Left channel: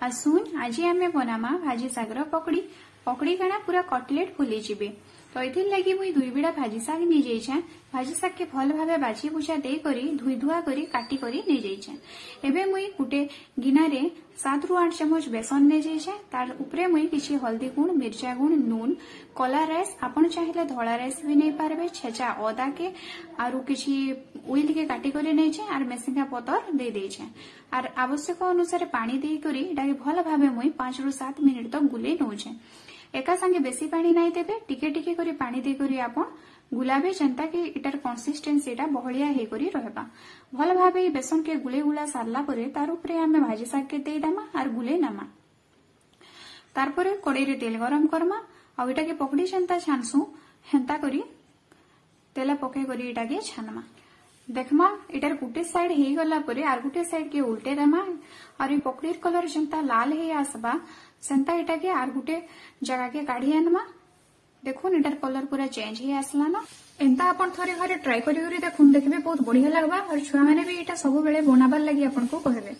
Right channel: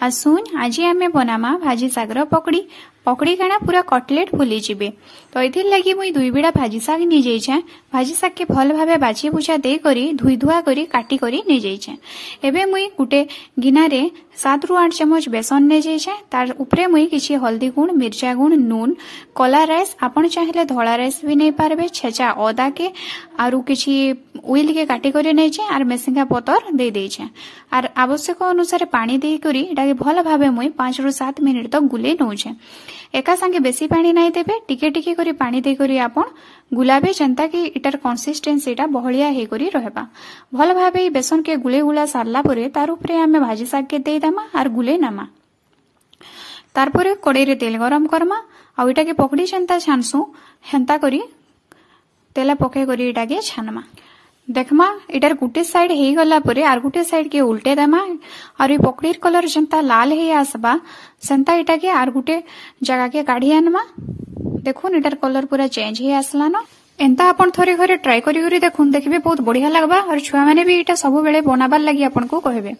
आसुन आज आम बनामा भाजी सागर पकड़ी पकड़ी काना पूरा कटलेट फुली जीवे। तो ये लगी मुई 2 बिड़ा भाजी साग नहीं जाइछे। भाजी साग के भल भावे बाछी बुछा दे करी धुई धुआ करी काटी करी नहीं जाइछे। एबे मुई गुटे गिना रे 7 ରୁ 8 चम्मच बेसन नहीं जाइछे। तार उपरे मुई किछि हल्दी गुण मिर्चा गुण नून कला राइस आपण चाहिले धोला राइस भी नहीं पारबे छेचा अदा के आरु किछि उइल के काटी करी नहीं छे आर मेसिंगा पतर दे दे छे आर आवश्यक अनुसार पानी दे करी एटा के भल भावे मुई 5 ରୁ 7 मिनिट तक गुले नौ छे। एका संगे बेसी पानी नहीं देबे टिके टिके करी पानी दे करी आपण गुलाबे जनता कि इटार कंसिस्टेंसी टा बहलिया हे करी रहबा। भल भाबे बेसन के गुले गुला सारला परे तार उपरे हमें भाजी साग के दे दमा आर गुले नामा। तार परे कड़ाई रे तेल गरम करमा आ इटा के पकड़ी जनता छानसु हेंता करी तेल पके करी इटा के छानमा। देखमा इटार गुटे साइड हे गला परे आर गुटे साइड के उल्टे दमा और पकड़ीर कलर जनता लाल हे आसबा सेंता इटा के आर गुटे जगह के काढ़ी आनमा। देखुन इटार कलर पूरा चेंज हे आसला न। एंता आपण थोड़े घरे ट्राई करी देखुन देखिबे बहुत बढ़िया लगबा और छुआ माने भी इटा सब बेले बनाबार लगी आपन को कहबे।